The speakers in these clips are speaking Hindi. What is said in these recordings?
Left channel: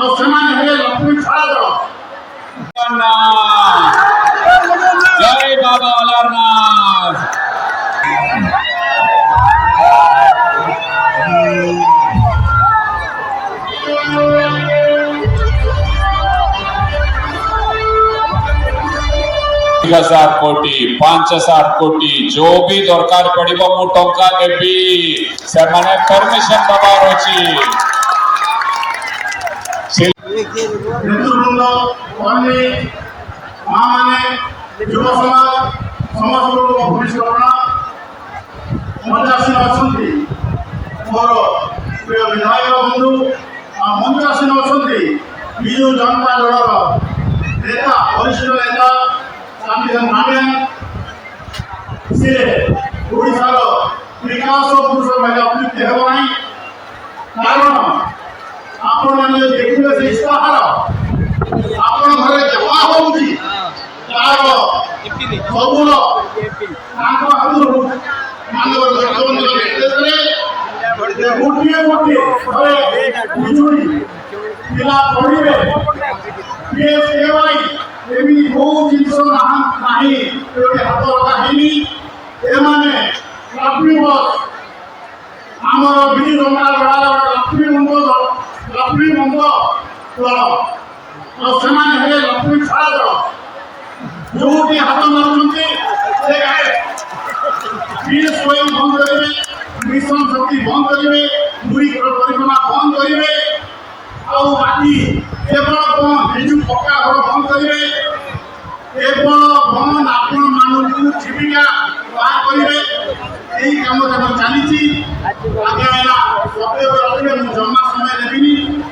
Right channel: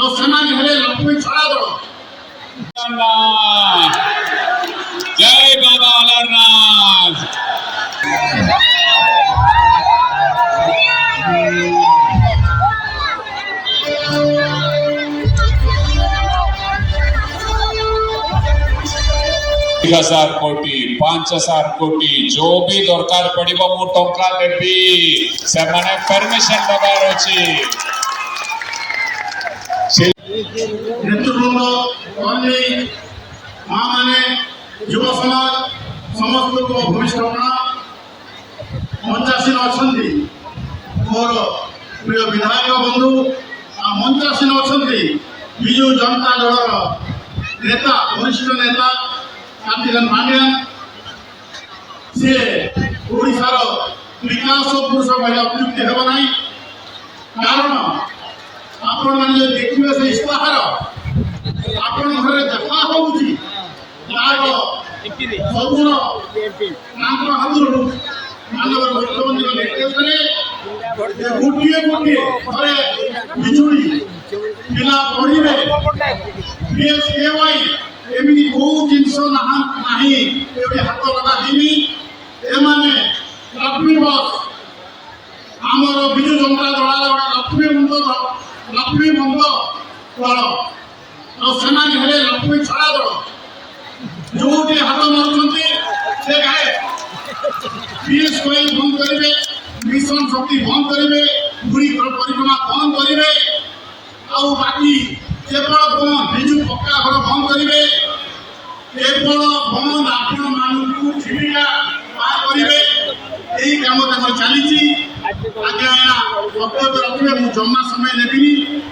ଆଉ ସେମାନେ ହେଲେ ଲକ୍ଷ୍ମୀ ଛାୟା ଦଳ। जय बाबा अमरनाथ। हजार कोटी 5000 कोटी जो भी दरकार पड़िबो मु टंका देबी से माने परमिशन दबार अछि। नेतृवृंद कौमी माँ माने युव समाज समस्त भूमिष्ठपना मंचासीन अच्छा मोर प्रिय विधायक बंधु मंचासीन अच्छा विजु जनता दल नेता वरिष्ठ नेता शांतिधर मानिया सी ओडार विकास पुरुष भाई अभिवृद्धि हेब ना कारण आपण मैंने देखिए से इस्ताहार आपण घर जमा होउची तार सबुर तांकर हाथुर मानव गठबंधन निर्देश रे गोटिए गोटिए घरे बिजुली पिला पड़िबे पीएसकेवाई एमिनी को जिंस नाही एबे हाथ लगा हिनी एमाने लक्ष्मी बस आमर बिजु जनता दल लक्ष्मी बंध दल और सेमाने हेले लक्ष्मी छाया दल जो हाथ मारुंचे से पीएसकेवाई बंद करेंगे मिशन शक्ति बंद करेंगे बुरी परिक्रमा बंद करेंगे और बाकी केवल बंद बिजु पक्का घर बंद करेंगे केवल बंद आपण मानव जीविका बाहर करेंगे यही काम चली आगे वक्तव्य रखिए मुझे जमा समय देवी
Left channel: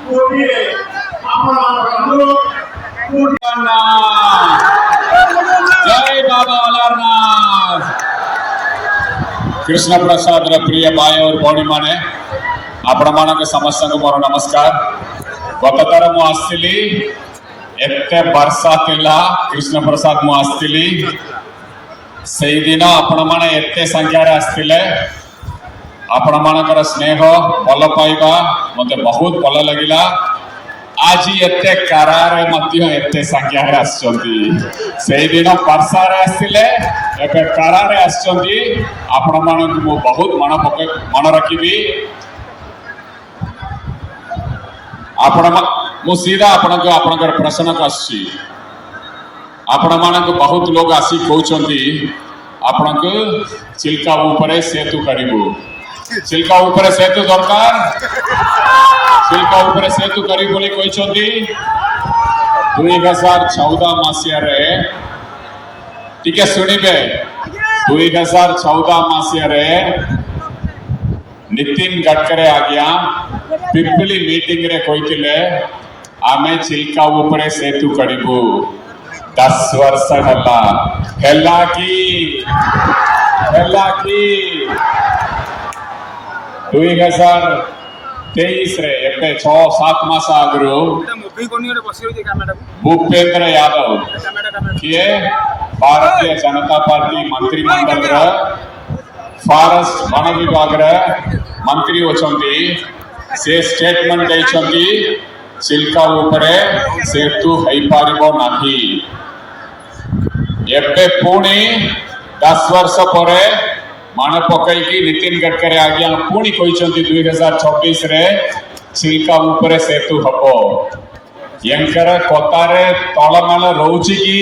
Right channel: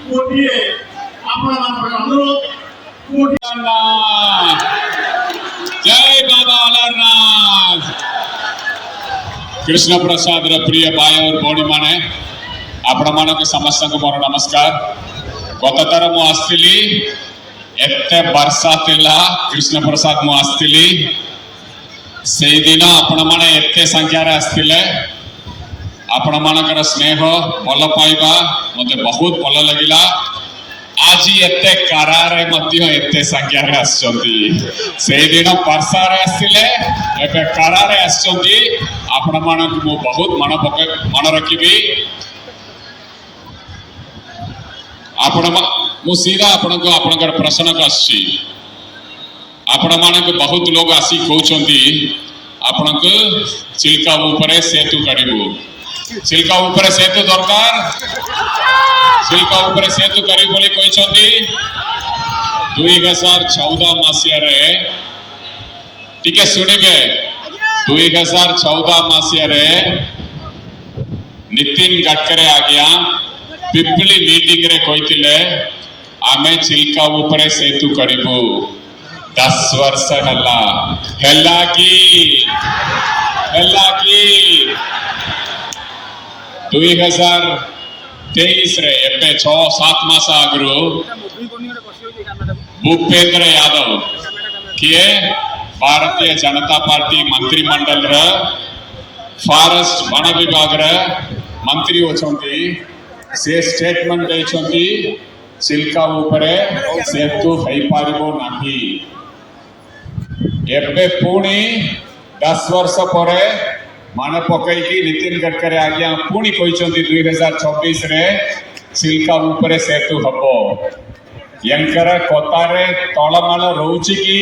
गोटे अनुरोध जय बाबा अमरनाथ। कृष्ण प्रसाद प्रिय भाई और भौणी माने आपण मानक समस्त को मोर नमस्कार। गत थर मु आसली एते वर्षा थिला कृष्ण प्रसाद मु आसली से दिन आपण माने एते संख्या रे आसतिले आपण मानकर स्नेह भल पाइबा मते बहुत भल लगिला। आज एते करारे मध्य एते संख्या रे आछंती से दिन वर्षा रे आसतिले एते करारे आछंती आपण मानक मु बहुत मन रखिबी। आपण मु सीधा आपणकर प्रश्न आसी आपण मानक बहुत लोग आसी कहउछंती आपनक चिल्का ऊपरे सेतु करिबो चिल्का ऊपरे सेतु दरकार चिल्का ऊपरे सेतु करी बोली कहउछंती 2014 मसिया रे टिके सुनिबे 2014 मसिया रे नितिन गडकरी आज्ञा पिपली मीटिंग रे कहितिले आमे चिल्का ऊपरे सेतु करिबो 10 वर्ष हेला की 2023 रे एबे 6-7 मास आगरो भूपेंद्र यादव किए भारतीय जनता पार्टी मंत्रिमंडल रा फॉरेस्ट वन विभाग रा मंत्री होचंती से स्टेटमेंट दैछंती चिल्का ऊपरे सेतु होई पारिबो नाही। एबे पुणी 10 वर्ष परे मान पकई की नितिन गडकरी आज्ञा पुणी कहते 2026 रे चिल्का ऊपरे सेतु हबो यंकर कतारे तलमाल रहउची की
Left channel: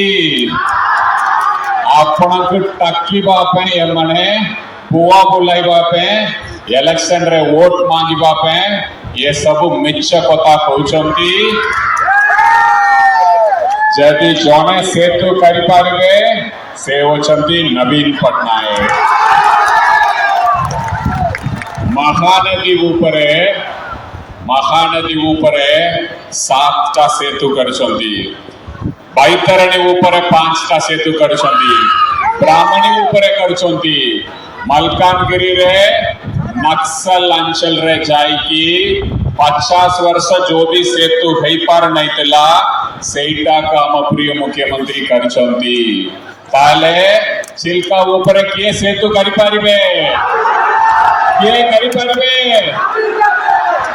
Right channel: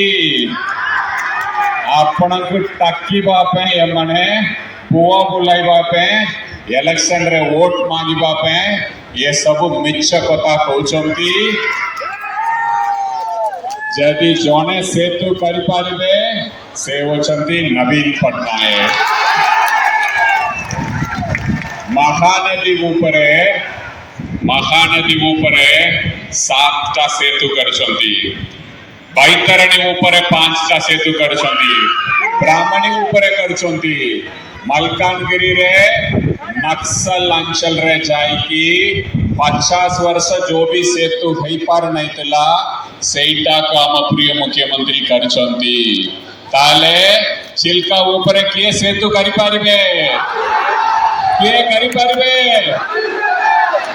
आपनक टाकीबा पे माने बुआ बुलाइबा पे इलेक्शन रे वोट मांगिबा पे ये सब मिछ कथा कहउचंती। जदि जने सेतु करि पारबे से होचंती नवीन पटनायक। महानदी ऊपरे 7टा सेतु करछंती बैतरणी ऊपरे 5टा सेतु करछंती ब्राह्मणी ऊपरे करछंती मलकानगिरी रे नक्सल अंचल रे जाइकी 50 वर्ष जो भी सेतु हेई पार नहीं तला सेटा काम प्रिय मुख्यमंत्री करछंती ताले चिल्का ऊपर किए सेतु करि पारिबे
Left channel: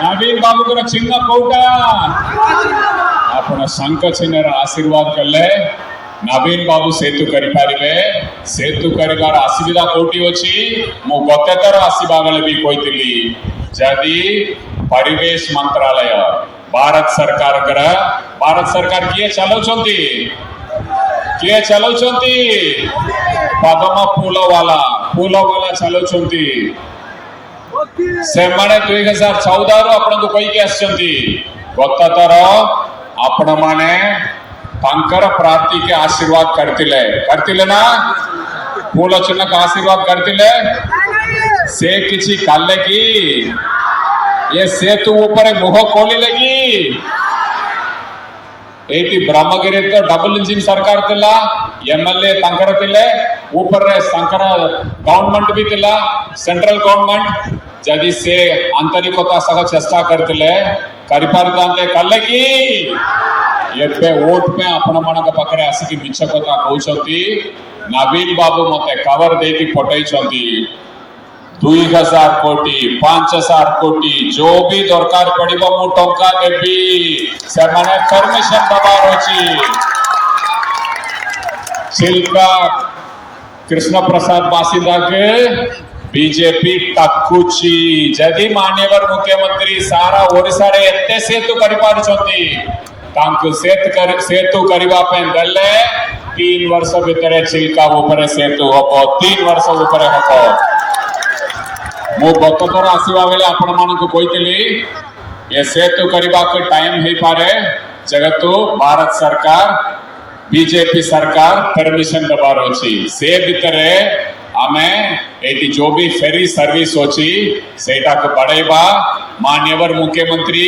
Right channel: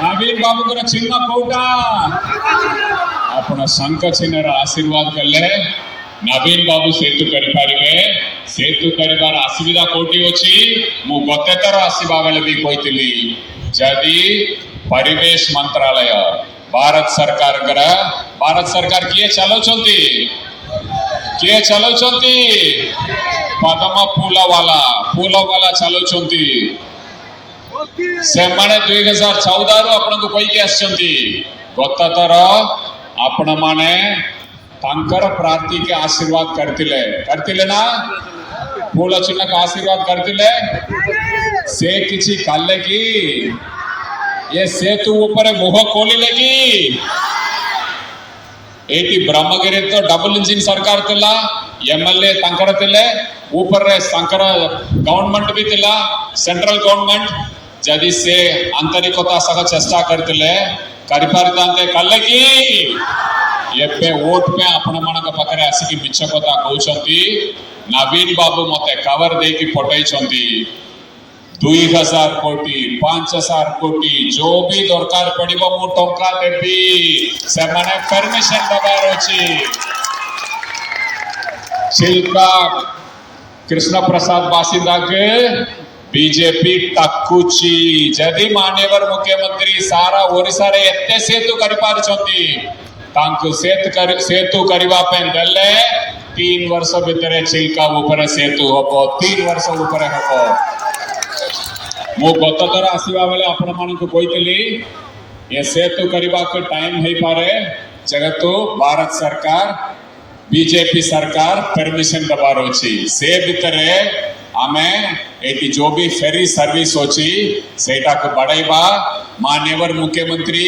नवीन बाबू को चिन्ह कोटा आपण शंख चिन्हर आशीर्वाद कले नवीन बाबू सेतु करिपारिबे सेतु करिवार असुविधा कोटी अछि मु गते तर आसीबा बेले भी कहितली जदि परिवेश मंत्रालय भारत सरकार किए चलाउछंती पद्म फूल वाला चलाउछंती से माने 2014 रो आपन को कहि के आछंती गत तर आपण माने तांकर प्रार्थी के आशीर्वाद करतिले ना फूल चिन्ह का आशीर्वाद करतिले से किछि काले की ये सेतु ऊपर मुह खोलिले की एटी ब्रह्मगिरी तो डबल इंजिन सरकार थिला एमएलए तांकर थिले ऊपर रे शंकर गवर्नमेंट भी थिला सेंट्रल गवर्नमेंट जदि से आंतरिकता सह चेष्टा करतिले करि पारतांते काले की एबे वोट पे आपण मानक पाखरे आसी की मिछ कथा कहउछंती नवीन बाबू मते कवर दे की पटै छंती 2000 कोटी 5000 कोटी जो भी दरकार पड़िबो मु टंका देबी से माने परमिशन दबार अछि चिल्का कृष्ण प्रसाद बासिंदा के बीजेपी टक्कुची जदि माननीय मुख्यमंत्री सारा ओडिसा रे एते सेतु करि पार छथि तांकु सेतु करिबा पे गले 3 वर्ष भितर चिल्का ऊपर सेतु होबो 3 वर्ष ऊपर होबो मु गत थर आसीबा बेले आपण मानक कहितली ये सेतु करिबा के टाइम हे पारे जगतु भारत सरकार बीजेपी सरकार परमिशन दबार अछि से भितरे आमे एटी जो भी फेरी सर्विस अछि सेटा को बढ़ाइबा माननीय मुख्यमंत्री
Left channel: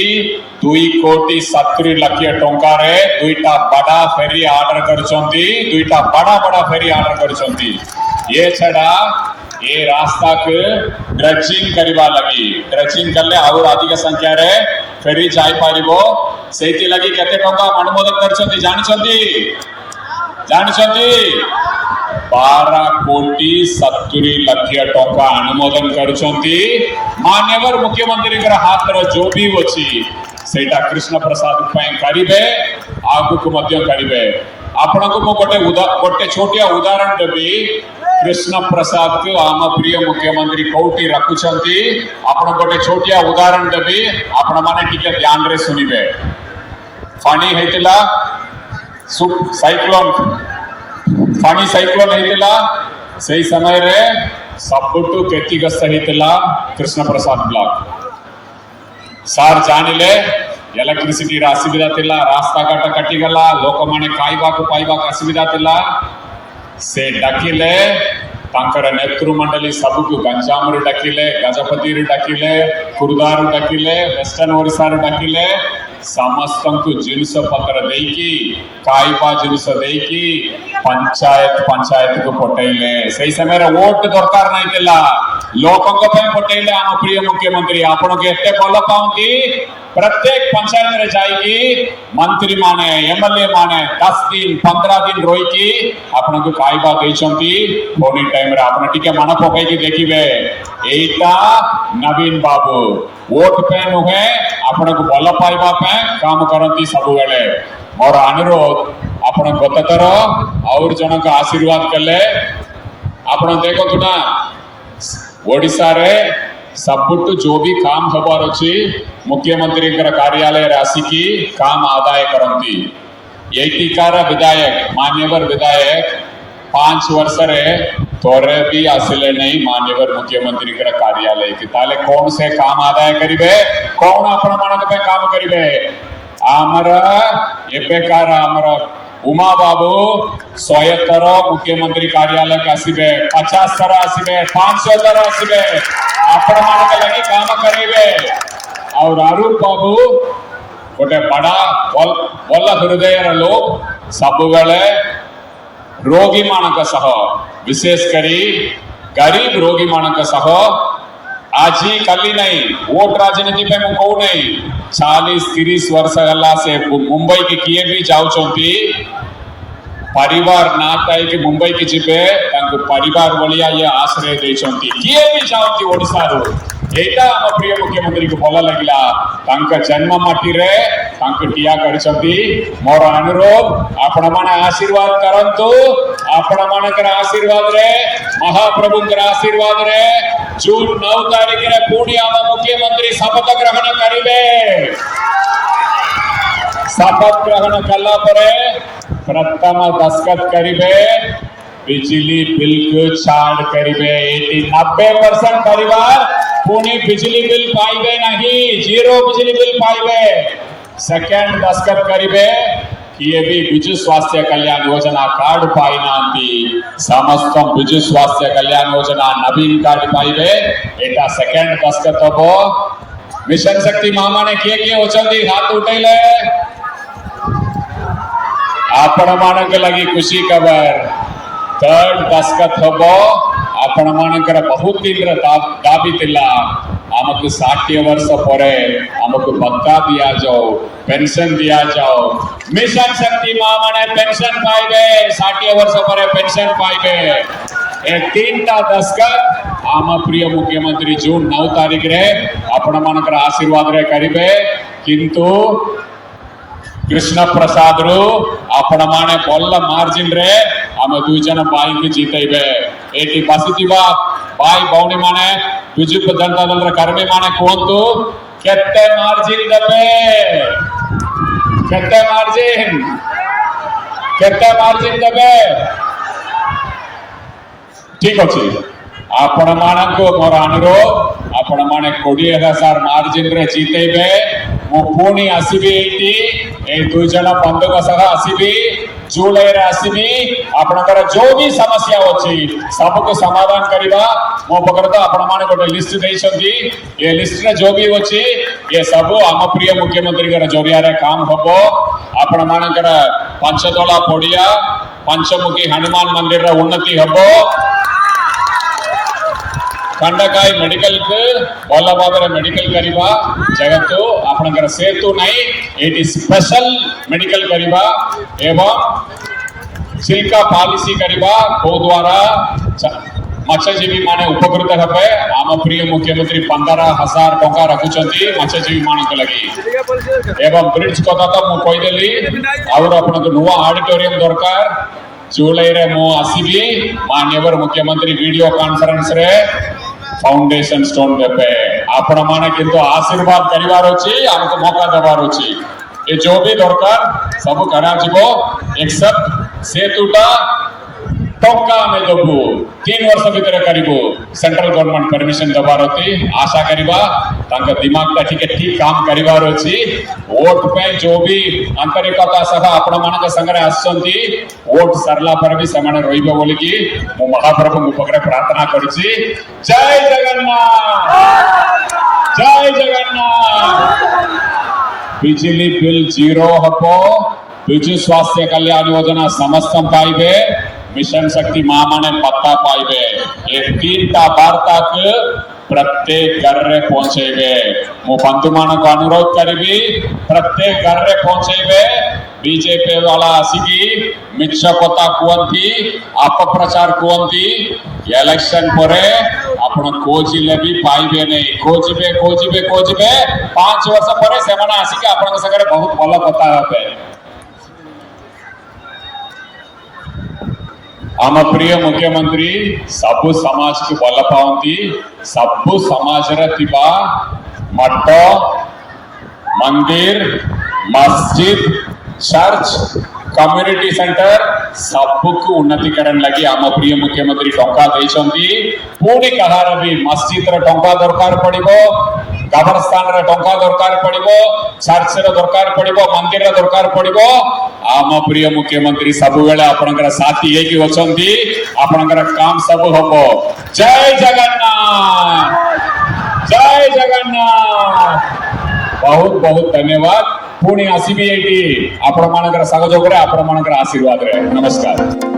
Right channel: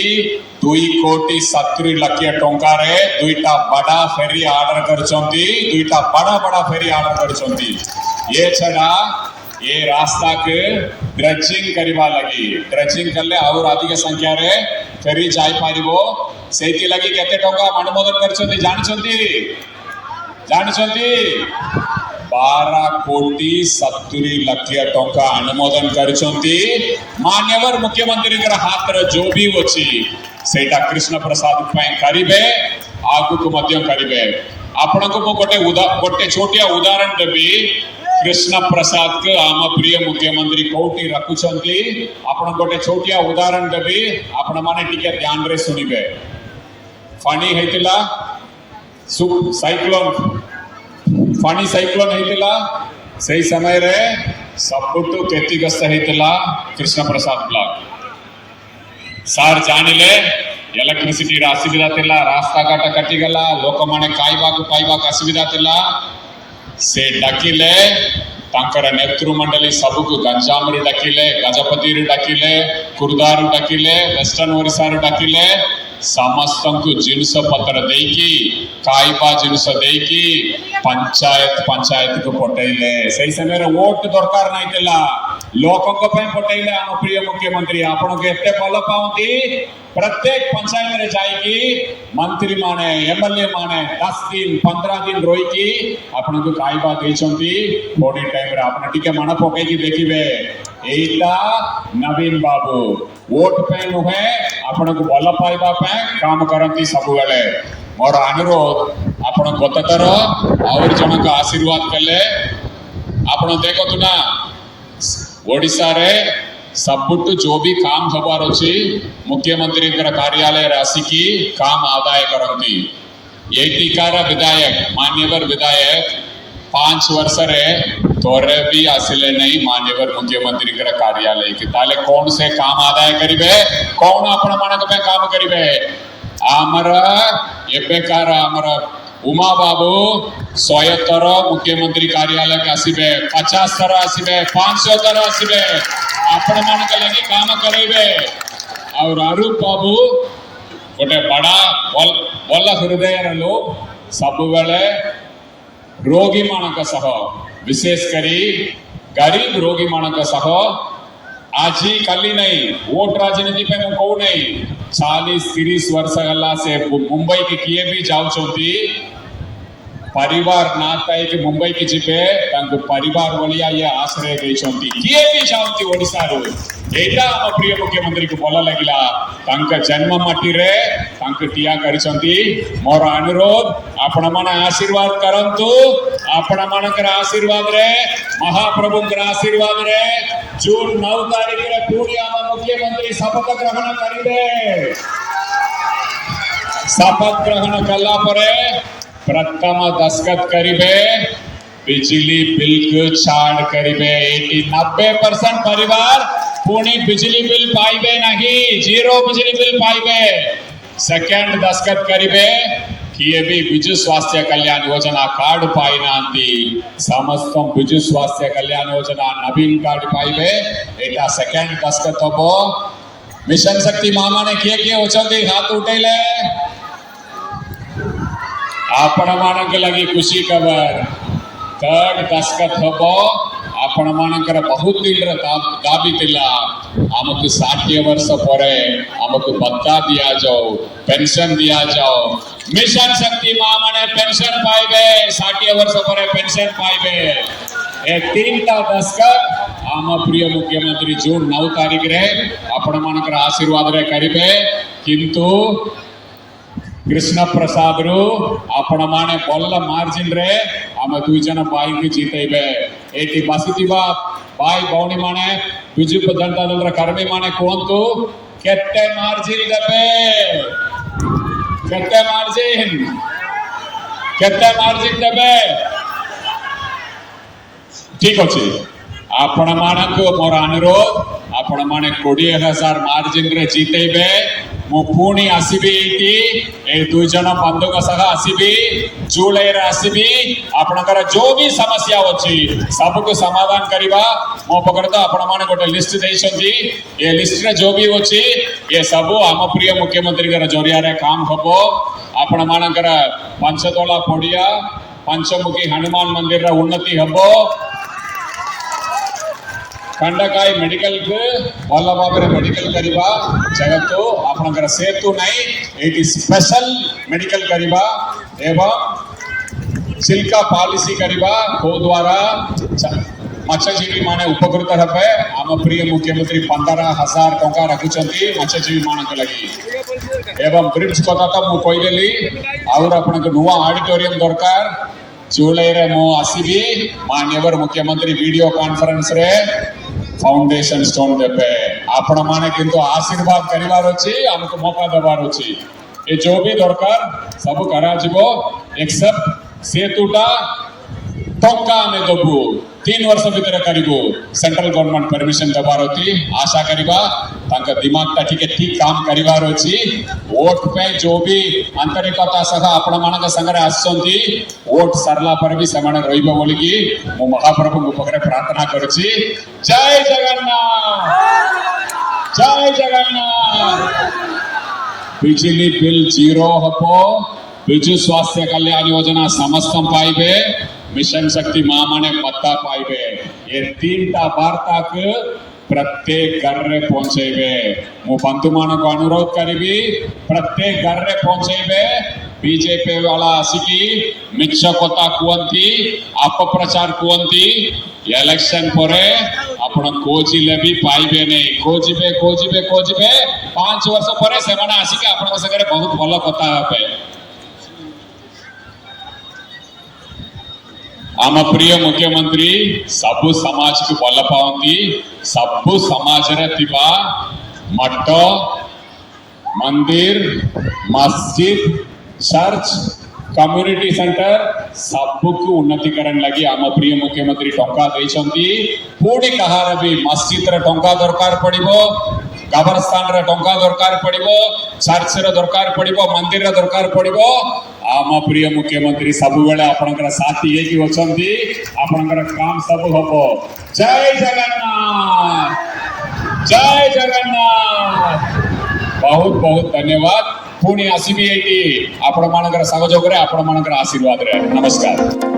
2,70 लाख टंका रे दुईटा बड़ा फेरी ऑर्डर करछंती दुईटा बड़ा फेरी ऑर्डर करछंती ये छड़ा ये रास्ता के ड्रेजिंग करवा लगी ड्रेजिंग करले और अधिक संख्या रे फेरी जाय पारिबो सेति लगी केते टंका अनुमोदन करछंती जानछंती 12,70 लाख टंका अनुमोदन करछंती माननीय मुख्यमंत्री के हाथ रे जो भी अछि सेटा कृष्ण प्रसाद पय करिवे आगु को मध्य करिवे आपण को मो गोटे छोटिया उदाहरण देबी कृष्ण प्रसाद के आम प्रिय मुख्यमंत्री कोटी रखुछंती आपण गोटे छोटिया उदाहरण देबी आपण माने टिके ध्यान रे सुनिबे फानी हेतिला साइक्लोन हेतिला सही समय रे सबटू क्षतिग्रस्त हेतिला कृष्ण प्रसाद ब्लॉक सार जानिले इलेक्ट्रिसिटी रा असुविधा थिला रास्ता घाट कटि गला लोक माने खाइबा को पाइबा का असुविधा थिला से डाकिले तांकर नेतृ मंडली सबको गंजाम रे डाकिले गजपति रे डाकिले कुर्दार डाकिले वेस्टर्न ओडिसा रे डाकिले समस्त को जिनस पत्र देकी खाइबा जिनस देकी पंचायत को पटेले सही समय रे वोट दरकार नहीं थिला लोक को पे पटेले हम प्रिय मुख्यमंत्री आपण के एते बल पाउती प्रत्येक पंचायत रे जाईकी मंत्री माने एमएलए माने 10 दिन 15 दिन रोई की आपण को खाइबा देछंती बोनी टाइम रे आपण टिके मन पकाई के देखिबे एटा नवीन बाबू वोट पे नुहे आपण को बल पाइबा पे काम करंती सब बेले मोर अनुरोध आपण गत तर और जन का आशीर्वाद कले आपण देखो तो ना ओडिसा रे सबुट जो भी काम हबार अछि मुख्यमंत्री कार्यालय राशि की काम आदाय करंती एटीकार विधायक मान्यवर विधायक 5 वर्ष रे तोरे भी आसिले नहीं मान्यवर मुख्यमंत्री कार्यालय की ताले कौन से काम आदाय करिवे कौन आपण मानक पे काम करिवे आमरा एपेकार आमरा उमा बाबू 100 थर मुख्यमंत्री कार्यालय के आसिबे 50 थर आसिबे 500 थर आसिबे आपण मानक लगे काम करेबे और आरूप बाबू गोटे बड़ा बल हृदय लोग सब बेले रोगी मानक सह विशेष करी गरीब रोगी मानक सह आज कल नहीं वोट राजनीति पे मु कहू नहीं 40-30 वर्ष गला से मुंबई के किए भी जाउछंती परिवार ना ताई कि मुंबई के जीवे तांको परिवार बोलिया ये आश्रय देछंती किए भी जाउती ओडिसा रो एटा हम प्रिय मुख्यमंत्री को भल लगिला तांका जन्म माटी रे तांका टिया करछंती मोर अनुरोध आपण माने आशीर्वाद करंतु आपण मानकर आशीर्वाद रे महाप्रभु के आशीर्वाद रे जून 9 तारीख रे पुणी हम मुख्यमंत्री शपथ ग्रहण करिवे शपथ ग्रहण कला परे प्रथम दस्तखत करिवे बिजली बिल को छाड़ करिवे 90% परिवार पुणी बिजली बिल पाइबे नहीं जीरो बिजली बिल पाइबे सेकंड दस्तखत करिवे किए भी विजु स्वास्थ्य कल्याण योजना कार्ड पाई नांती समस्त विजु स्वास्थ्य कल्याण योजना नवीन कार्ड पाइबे एटा सेकंड दस्तखत हबो मिशन शक्ति मामा ने किए होचंती हाथ उठेले आपण मानक लगी खुशी खबर थर्ड दस्तखत हबो आपण मानकर बहुत दिन दाबी थिला हमको 60 वर्ष परे हमको भत्ता दिया जाओ पेंशन दिया जाओ मिशन शक्ति मां माने पेंशन पाइबे 60 वर्ष परे पेंशन पाइबे ए तीनटा दस्तखत आम प्रिय मुख्यमंत्री जून 9 तारीख रे आपण मानकर आशीर्वाद रे करिवे किंतु कृष्ण प्रसाद रो आपण माने बोल मार्जिन रे हम दुई जन बाई के जीतेबे एटी बसितिबा बाई बौनी माने बिजु जनता दल रे कर्मी माने कोंतु केते मार्जिन देबे केते मार्जिन देबे ठीक अछि आपण मानक मोर अनुरोध आपण माने 20,000 मार्जिन रे जीतेबे मो पुणी आसीबी एटी ए दुई जन बंधुक सह आसीबी जुलाई रे आसीबी आपनकर जो भी समस्या अछि सबको समाधान करिबा मो पकर तो आपण माने गोटे लिस्ट देइछंती ए लिस्ट रे जो भी अछि ए सब हम प्रिय मुख्यमंत्री कर जरिया रे काम हबो आपण मानकर पंचतोला पड़िया पंचमुखी हनुमान मंदिर रे उन्नति हबो खंडकाई मेडिकल को भल भाव मेडिकल करवा जगत आपनकर सेतु नहीं एटी स्पेशल मेडिकल करवा एवं सिल्का पॉलिसी करवा को द्वारा मत्स्यजीवी माने उपकृत हेबे आम प्रिय मुख्यमंत्री 15,000 टका रखुचंती मत्स्यजीवी मानक लगी एवं ब्रिज कथा तो मु कहि देली और आपन नुवा ऑडिटोरियम दरकार जुलाई रे मु आसीबी माननीय मुख्यमंत्री वीडियो कॉन्फ्रेंस रे फाउंडेशन स्टोन देबे आपण माने किंतु आशीर्वाद करिवार अछि हमको मौका देवार अछि ए जो भी दरकार सब करा जिवो एक्सेप्ट सेतुटा टका में देबो 3 वर्ष भीतर करिवो सेंट्रल गवर्नमेंट परमिशन दबार अछि आशा करिवा तांका दिमाग ता ठीक काम करिवार अछि वोट पे जो भी आंतरिकता सह आपण मानक संगरे आछंती वोट सरला पर भी समान रहिबो बोली कि मु महाप्रभु उपकरे प्रार्थना करछि जय जगन्नाथ बिजली बिल जीरो हबो बिजु स्वास्थ्य कल्याण योजना समस्त पाइबे मिशन शक्ति मां माने पत्ता पाइबे ये तीनटा वार्ता के प्रत्येक घर रे पहुंचेबे मु बंधु मान को अनुरोध करबी प्रत्येक घर रे पहुंचेबे बीजेपी वाला आसीकी मिछ कथा कुवंती अपप्रचार कुवंती इलेक्शन परे आपण खोजिले भी पाइबे नहीं खोजिबे 5 वर्ष परे से माने आसीकी आपण संगे बहुत भल कथा हेबे आम प्रिय मुख्यमंत्री सबु समाज को भल पाती सबु समाज रे थिबा मठ मंदिर मस्जिद चर्च कम्युनिटी सेंटर सबको उन्नतिकरण लगी आम प्रिय मुख्यमंत्री टंका देइछंती पुणी कहार भी मस्जिद रे टंका दरकार पड़िबो कब्रस्तान रे टंका दरकार पड़िबो चर्च रे दरकार पड़िबो मंदिर रे दरकार पड़िबो आम प्रिय मुख्यमंत्री सब बेले आपनकर साथी हेकी होचंती आपनकर काम सब होबो जय जगन्नाथ बहुत बहुत धन्यवाद पुणी आसीबी एटी आपण मानकर सहयोग रे आपण मानकर आशीर्वाद रे नमस्कार।